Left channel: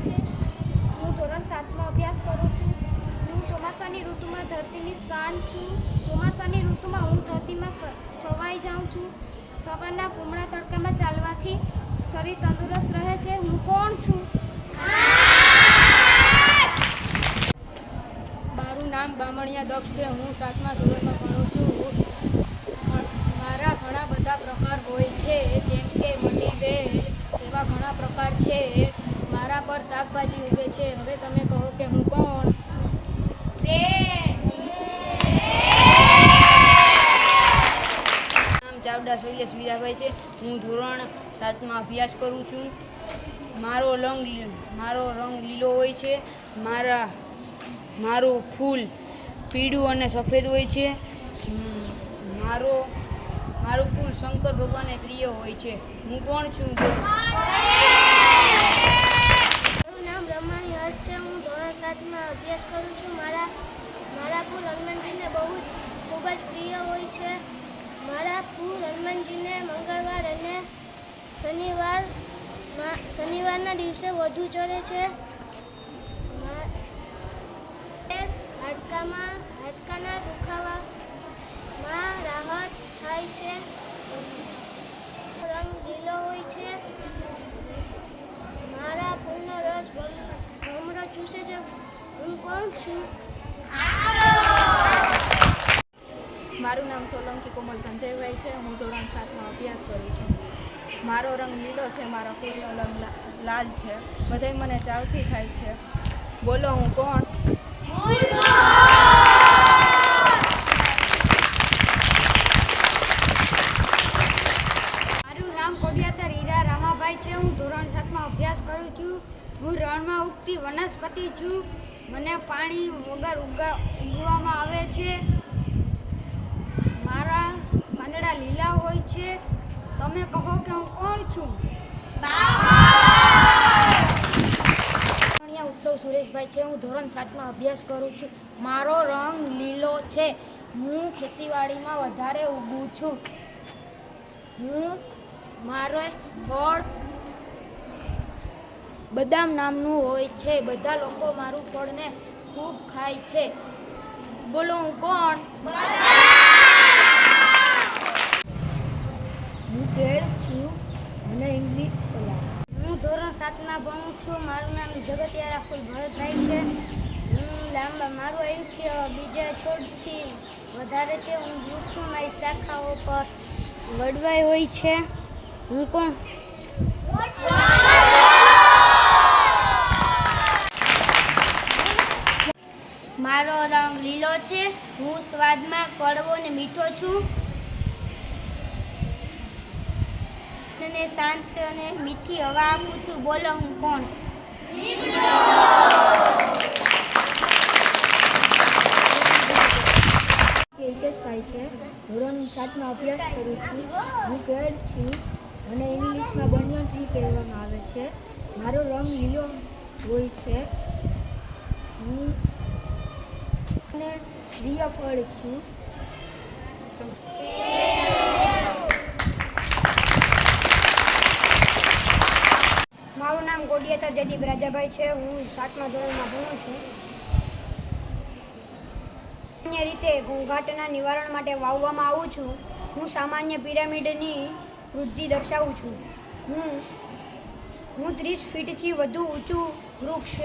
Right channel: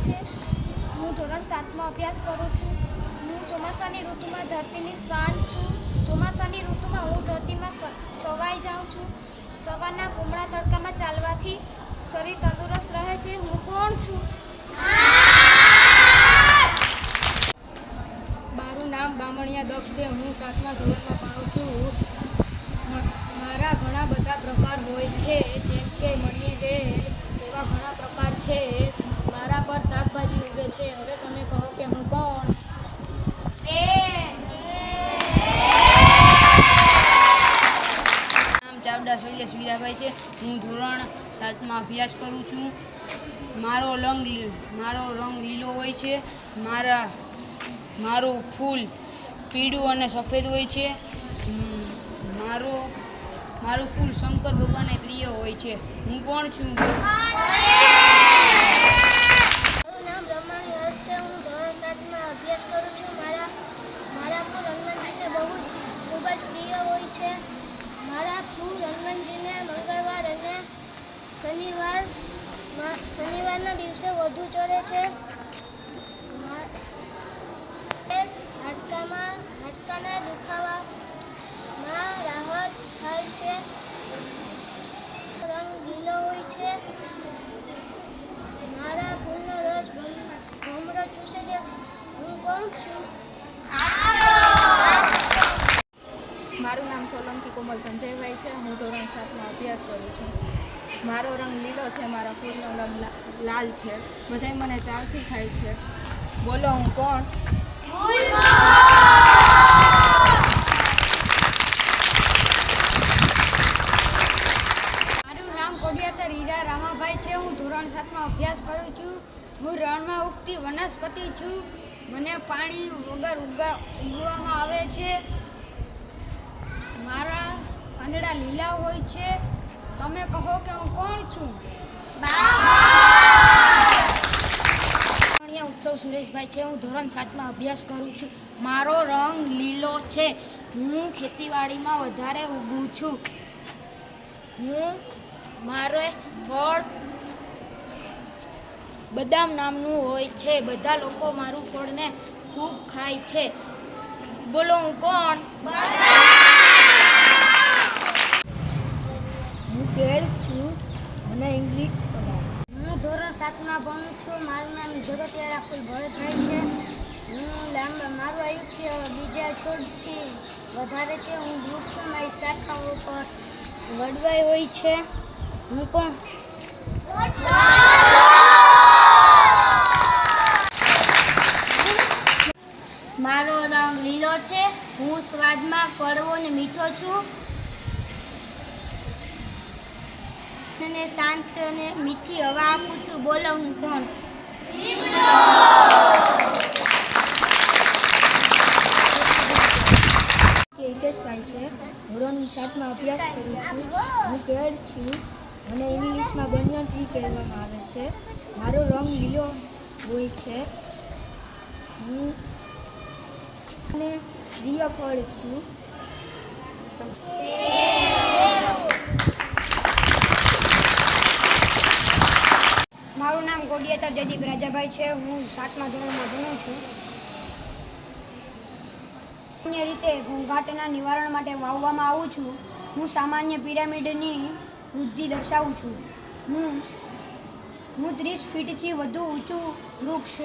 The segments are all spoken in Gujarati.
ધોરણ સાતમાં અભ્યાસ કરું છું. હું ચોમાસાની ઋતુમાં ધરતીની શાન છું. ચોમાસાની ઋતુમાં હું ધરતીમાં છવાઈ જાઉં છું. સવારના કુમળા તડકામાં ચાલવાથી શરીર તંદુરસ્ત રહે છે. હું કોણ છું? મારું નામ બામણિયા દક્ષ છે. હું સાતમા ધોરણમાં ભણું છું. મારા ઘણા બધા પ્રકાર હોય છે. જેમ કે મની વેજ એવા શાકભાજી ઉગે છે. હવે તમે કહો કે હું કોણ? નામ ચાવડા શૈલેષ વીરાભાઈ છે. હું ધોરણ સાતમાં અભ્યાસ કરું છું. મારો રંગ મારો રંગ લીલો હોય છે. મારા, મારું ફૂલ પીળું અને સફેદ હોય છે. મારો, મારું ફૂલ શંકર ભગવાને પ્રિય હોય છે. હું કોણ છું મારું નામ રમાણી હર્ષ છે હું ધોરણ સાતમાં અભ્યાસ કરું છું મારા મારા ફૂલ હનુમાનજીને બહુ જ ખૂબ જ પ્રિય હોય છે મારા ફૂલ હનુમાનજીને મંગળવાર અને શનિવાર શનિવારના દિવસે વધુ ચડે છે. હાડકામાં હાડકાના દુખાવામાં રાહત થાય છે. રંગ લીલો હોય છે. મારા ફૂલનો રસ ભમ- ભમરો ચૂસે છે. હું કોણ છું? મારું નામ સોલંકી કોમલ સંજયભાઈ છે. હું ધોરણ સાતમાં અભ્યાસ કરું છું. મારો રંગ લીલો છે, મારા ફૂલનો રંગ લાલ છે. બધાય મને ચાલથી ખાય છે. બોલો હું કોણ? મારું નામ કોડિયાતર હીરા રામાભાઈ છે. હું ધોરણ સાતમાં અભ્યાસ કરું છું. હું રણમાં ઉગતી વનસ્પતિ છું. મને પાણી વગર ઉગા, ઉગવામાં આવે છે. મારા પાંદડા લીલા હોય છે. તમે કહો કે હું કોણ છું? ઉત્સવ સુરેશભાઈ છે, હું ધોરણ સાતમાં અભ્યાસ કરું છું. મારો રંગ લીલો છે. હું ખેતીવાડીમાં વધારે ઊભું છું. હું, મારે ફળ બદામ નામનું હોય છે. બધા લોકો મારું ફળને ખૂબ ખાય છે. બોલો, હું કોણ હું કેળ છું. મને ઇંગ્લિશ હું ધોરણ સાતમાં ભણું છું. મારું નામ જગતિયા રાખુલ ભરતભાઈ છે. હું લાંબા, મારું આયુષ્ય બીજા છોડથી વધારે છે. હું વૃક્ષો મારી શાખાઓ પર વડવાઈ હોય છે. હું કોણ? મારો રંગ લીલો છે. હું સ્વાદમાં કડવો ને મીઠો છું. અને શાંત અને મીઠી હવા આપું છું. બોલો, હું કોણ? હિતેશભાઈ છે. ધોરણ સાતમાં અભ્યાસ કરું છું. હું કેડ છું અને ઇંગ્લિશમાં બંને ટ્રી કહેવામાં આવે છે. મારો રંગ લીલો હોય છે. હું અને પ્રિય ફળ છું. મારું નામ ગોડિયાતર જયદીપ રાજાભાઈ છે. હું સાતમા ધોરણમાં ભણું છું. સામાન્ય રીતે ઘોંઘાટના નિવારણ માટે વાવવામાં આવું છું. હું સામાન્ય પિરામિડની વૃદ્ધિ દર્શાવું છું. હું હું ત્રીસ ફીટથી વધુ ઊંચું વૃક્ષ,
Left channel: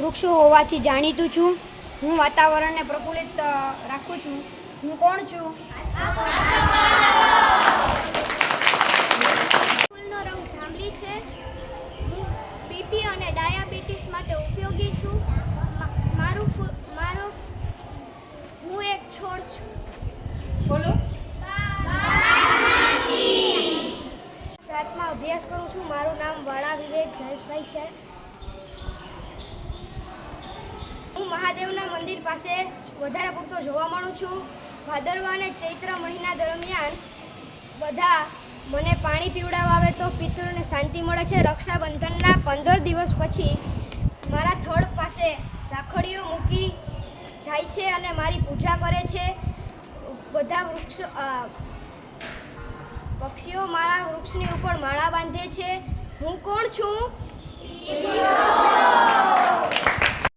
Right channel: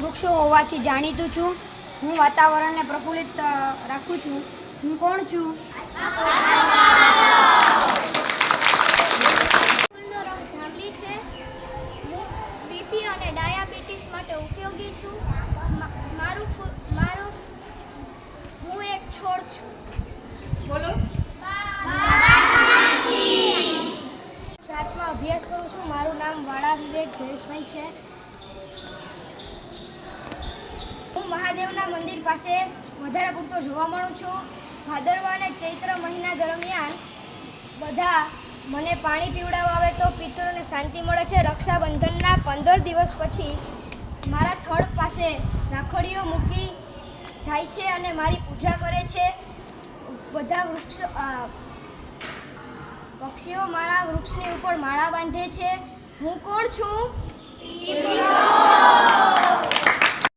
વૃક્ષો હોવાથી જાણીતું છું. હું વાતાવરણને પ્રફુલ્લિત રાખું છું. હું કોણ છું? છે. બીપી અને ડાયાબિટીસ માટે ઉપયોગી છું. મારું મારો હું એક છોડ છું. બોલો. સાતમાં અભ્યાસ કરું છું. મારું નામ વાળા વિવેક જયેશભાઈ છે. હું મહાદેવના મંદિર પાસે વધારે પૂરતો જોવા મળું છું. ભાદરવા અને ચૈત્ર મહિના દરમિયાન બધા મને પાણી પીવડાવવા આવે તો પિતૃને શાંતિ મળે છે. રક્ષાબંધનના પંદર દિવસ પછી મારા થડ પાસે રાખડીઓ મૂકી જાય છે અને મારી પૂજા કરે છે. બધા વૃક્ષો પક્ષીઓ મારા વૃક્ષની ઉપર માળા બાંધે છે. હું કોણ છું?